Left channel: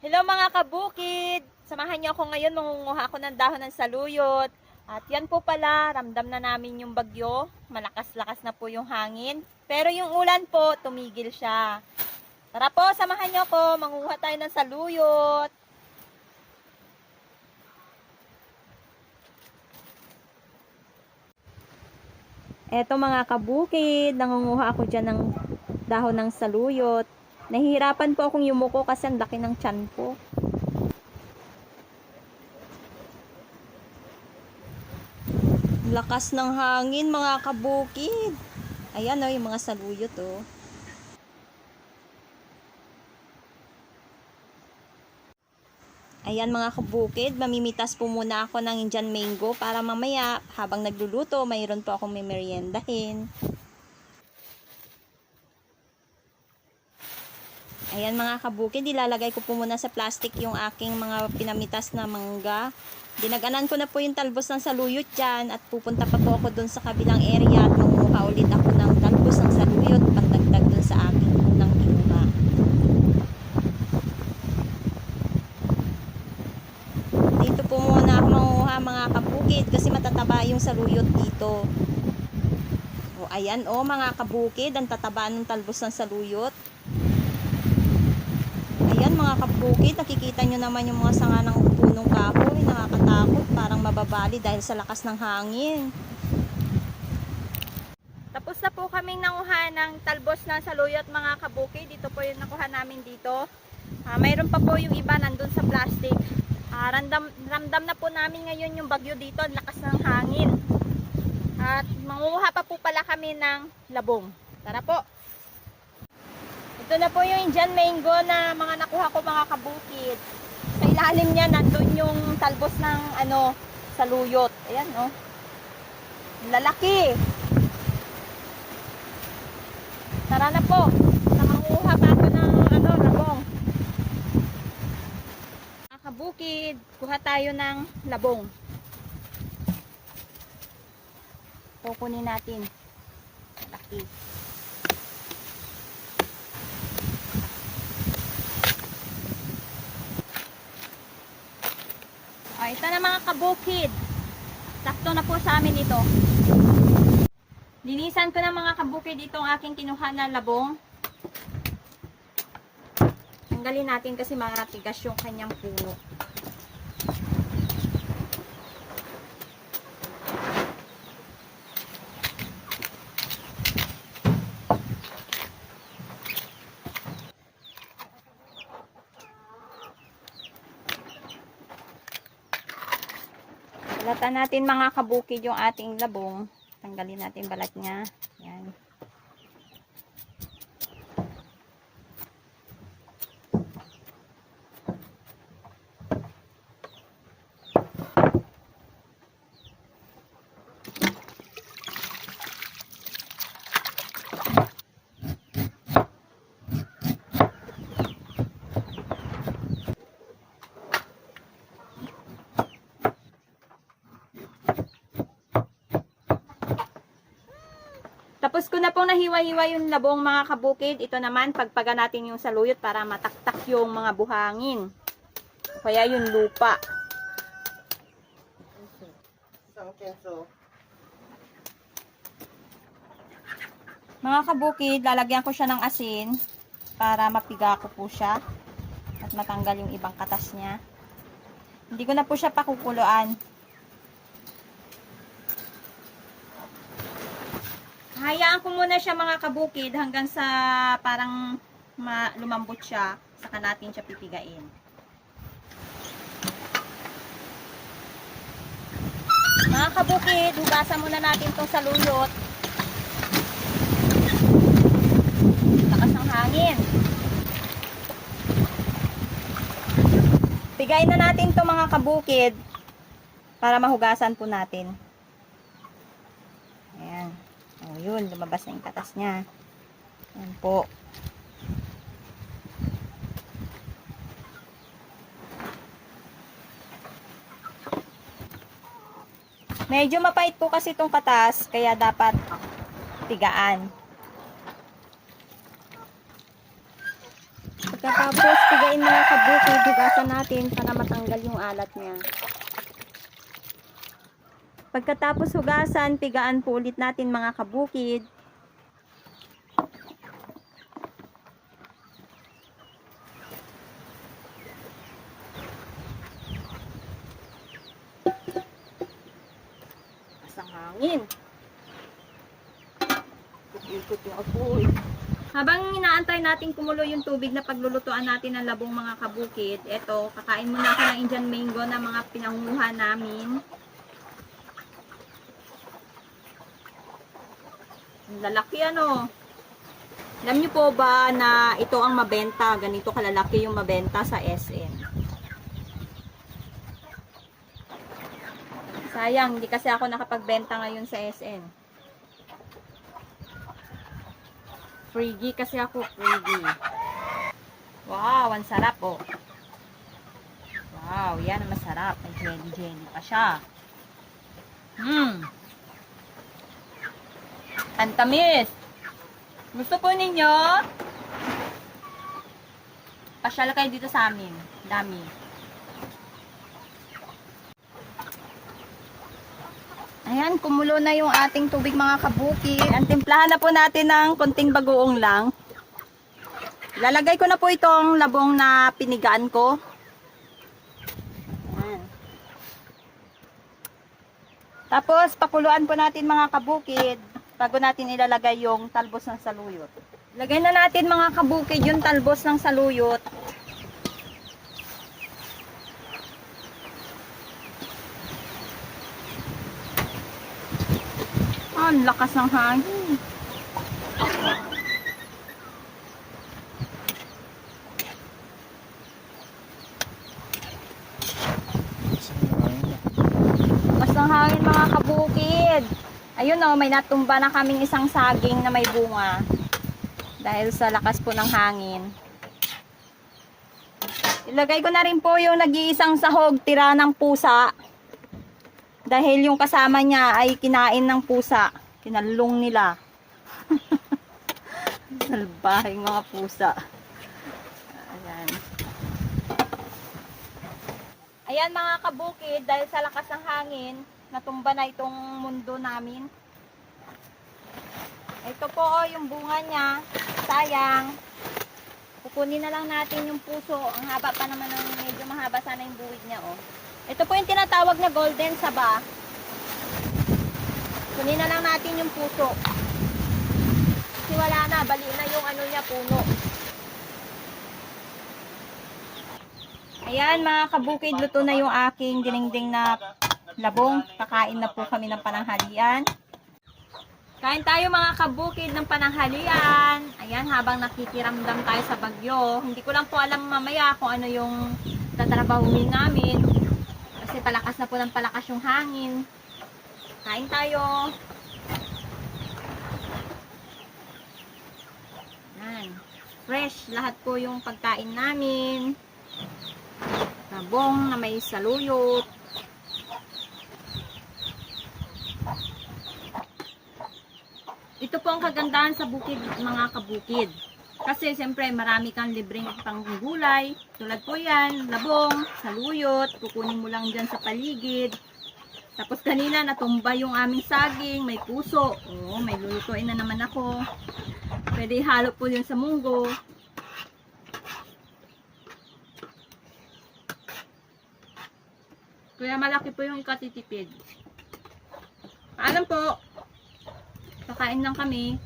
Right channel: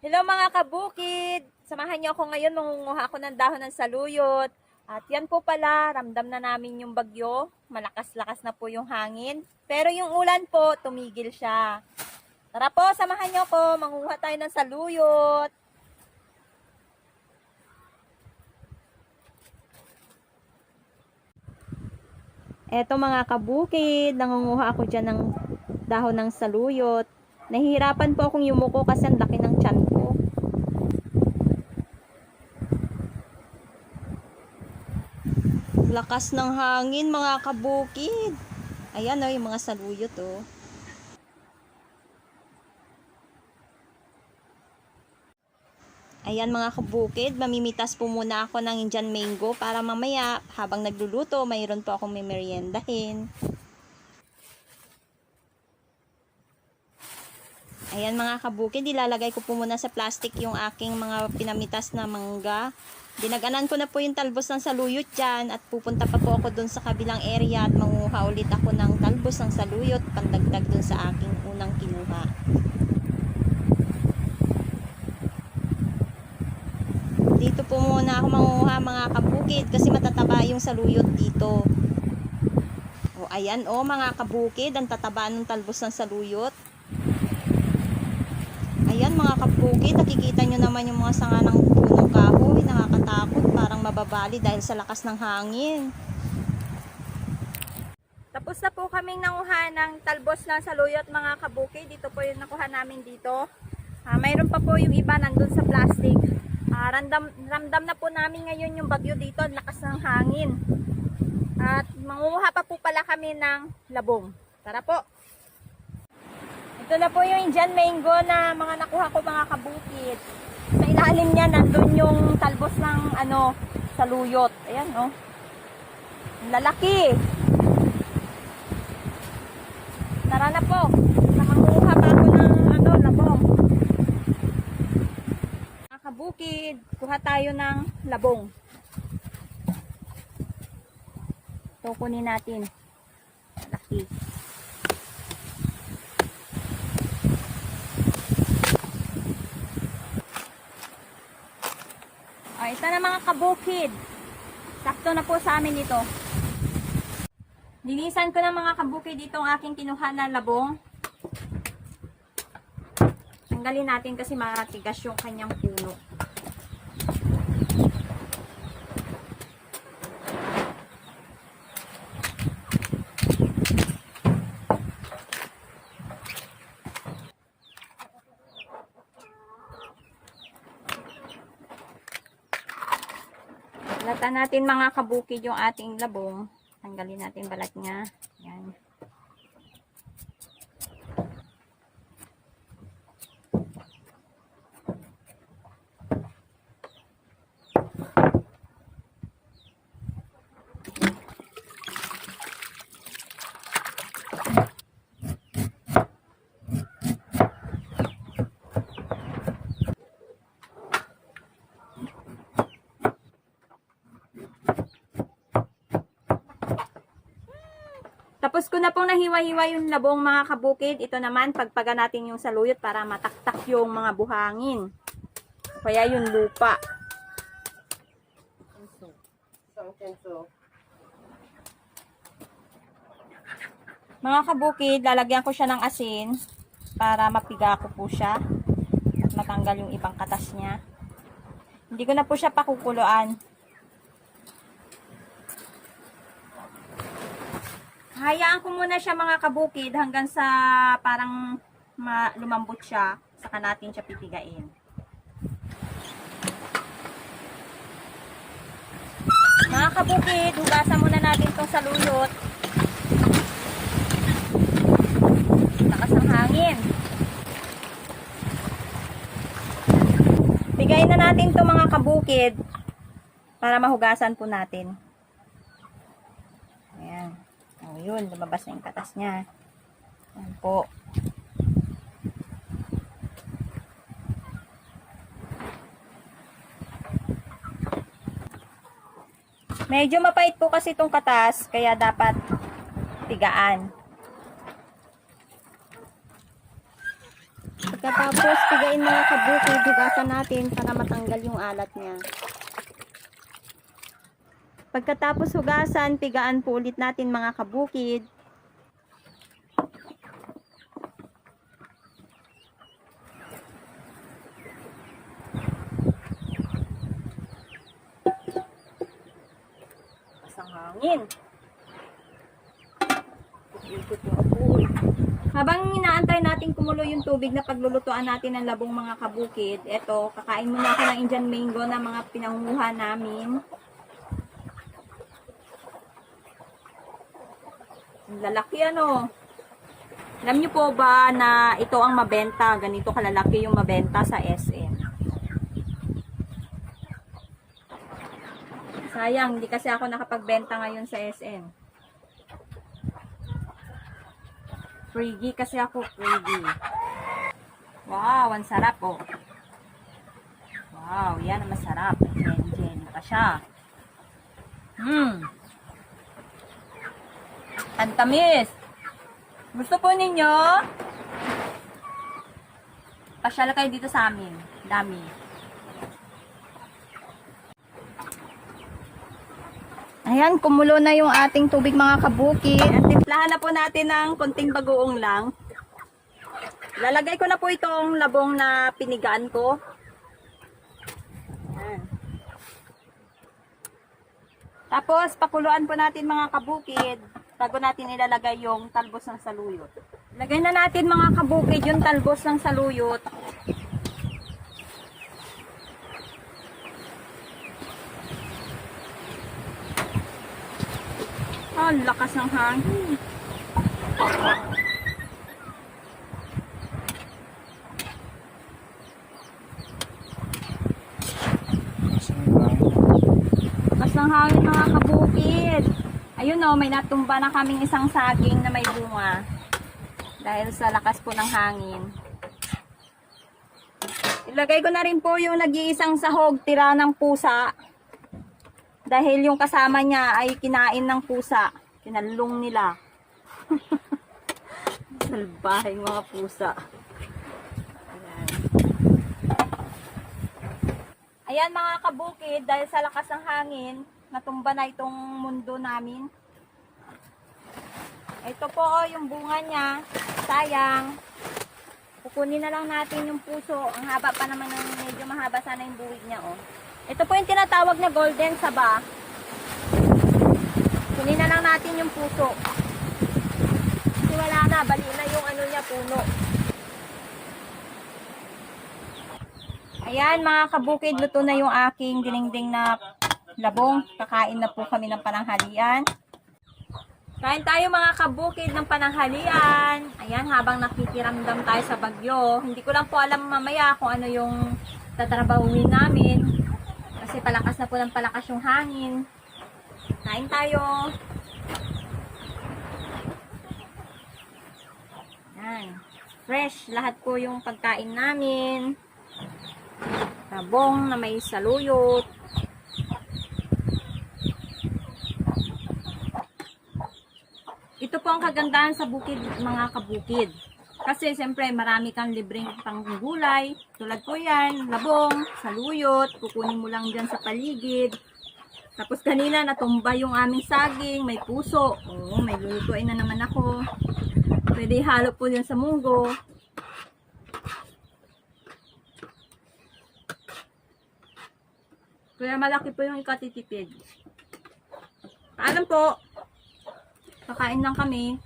Hello mga kabukid! Samahan niyo ako ngayon, mangunguha ako ng dahon ng saluyot. At yan po pala, ramdam na namin yung bagyo. Malakas-lakas na po yung hangin. Pero yung ulan po, tumigil siya. Tara po, samahan niyo ako, mangunguha tayo ng saluyot. Eto mga kabukid, nangunguha ako dyan ng dahon ng saluyot. Nahihirapan po akong yumuko kasi ang laki ng tiyan ko. Lakas ng hangin mga kabukid. Ayan o, yung mga saluyot o. Ayan mga kabukid, mamimitas po muna ako ng Indian mango para mamaya habang nagluluto, mayroon po akong memeryendahin. Ayan mga kabukid, ilalagay ko po muna sa plastic yung aking mga pinamitas na mangga. Dinaganan ko na po yung talbos ng saluyot dyan at pupunta pa po ako dun sa kabilang area at manguha ulit ako ng talbos ng saluyot pandagdag dun sa aking unang kinuha. Dito po muna ako manguha mga kabukid kasi matataba yung saluyot dito. O ayan o mga kabukid, ang tataba ng talbos ng saluyot. Ayan mga kabukid, nakikita nyo naman yung mga sanga ng punong kahoy. Nakakatakot, parang mababali dahil sa lakas ng hangin. Tapos na po kaming nanguha ng talbos ng saluyot mga kabukid. Dito po yung nakuha namin dito. Ah, mayroon pa po yung iba nandun sa plastic. Ah, randam, ramdam na po namin ngayon yung bagyo dito, ang lakas ng hangin. At manguha pa po pala kami ng labong. Tara po! Ito na po yung Indian mango na mga nakuha ko mga kabukid. Sa ilalim niya nandun yung talbos ng ano, saluyot. Ayan oh. Ang Lalaki. Tara na po. Namanguha pa ako ng ano, labong. Mga kabukid, kuha tayo ng labong. Ito kunin natin. Lalaki. O, ito na mga kabukid. Sakto na po sa amin ito. Linisan ko na mga kabukid itong aking kinuha na labong. Tanggalin natin kasi maratigas yung kanyang puno. Balatan natin mga kabukid yung ating labong. Tanggalin natin balat niya. Yan. Tapos ko na pong nahiwa-hiwa yung labong mga kabukid. Ito naman, pagpaga natin yung saluyot para mataktak yung mga buhangin. Kaya yung lupa. Mga kabukid, lalagyan ko siya ng asin para mapiga ko po siya at matanggal yung ibang katas niya. Hindi ko na po siya pakukuluan. Hayaan ko muna siya mga kabukid hanggang sa parang ma- lumambot siya. Saka natin siya pipigain. Mga kabukid, hugasan muna natin tong saluyot. Lakas ng hangin. Pigain na natin to mga kabukid para mahugasan po natin. Ayan. O, yun. Lumabas na yung katas niya. Ayan po. Medyo mapait po kasi itong katas, kaya dapat pigaan. Pagkatapos, pigain mga kabukid, hugasan natin para matanggal yung alat niya. Pagkatapos hugasan, pigaan po ulit natin mga kabukid. Asang hangin. Ikot yung apoy. Habang inaantay natin kumulo yung tubig na paglulutuan natin ng labong mga kabukid, eto, kakain muna ako ng Indian mango na mga pinangunguha namin. Lalaki ano. Alam niyo po ba na ito ang mabenta, ganito kalalaki yung mabenta sa SM. Sayang, hindi kasi ako nakapagbenta ngayon sa SM. Friggy kasi ako, friggy. Wow, ang sarap oh. Wow, yan masarap. May jelly jelly pa siya. Hmm. Ang. Gusto po ninyo? Pasyala kayo dito sa amin. Dami. Ayan, kumulo na yung ating tubig mga kabuki. Ang timplahan na po natin ng konting bagoong lang. Lalagay ko na po itong labong na pinigaan ko. Ayan. Tapos, pakuluan po natin mga kabukid bago natin ilalagay yung talbos ng saluyot. Lagay na natin mga kabukid yung talbos ng saluyot. Ang lakas ng hangin. Lakas ng hangin mga kabukid. Ayun oh, may natumba na kaming isang saging na may bunga. Dahil sa lakas po ng hangin. Ilagay ko na rin po yung nag-iisang sahog, tira ng pusa. Dahil yung kasama niya ay kinain ng pusa. Kinalong nila. Salbahing mga pusa. Ayan. Ayan mga kabukid, dahil sa lakas ng hangin, natumba na itong mundo namin. Ito po oh, yung bunga niya. Sayang. Kukunin na lang natin yung puso. Ang haba pa naman ng medyo mahaba sana yung buwig niya oh. Ito po yung tinatawag na golden saba. Kunin na lang natin yung puso. Kasi wala na, bali na yung ano niya puno. Ayan mga kabukid, luto na yung aking dinengdeng na labong. Kakain na po kami ng pananghalian. Kain tayo mga kabukid ng pananghalian. Ayan, habang nakikiramdam tayo sa bagyo. Hindi ko lang po alam mamaya kung ano yung tatrabahuin namin. Kasi palakas na po ng palakas yung hangin. Kain tayo. Yan. Fresh lahat po yung pagkain namin. Tabong na may saluyot. Ito po ang kagandahan sa bukid, mga kabukid. Kasi siyempre marami kang libreng panggulay. Tulad po yan, labong, saluyot, kukunin mo lang dyan sa paligid. Tapos kanina natumba yung aming saging, may puso. Oo, may lulutuin na naman ako. Pwede halo po yun sa munggo. Kaya malaki po yung ikatitipid. Paalam po. Kakain lang kami.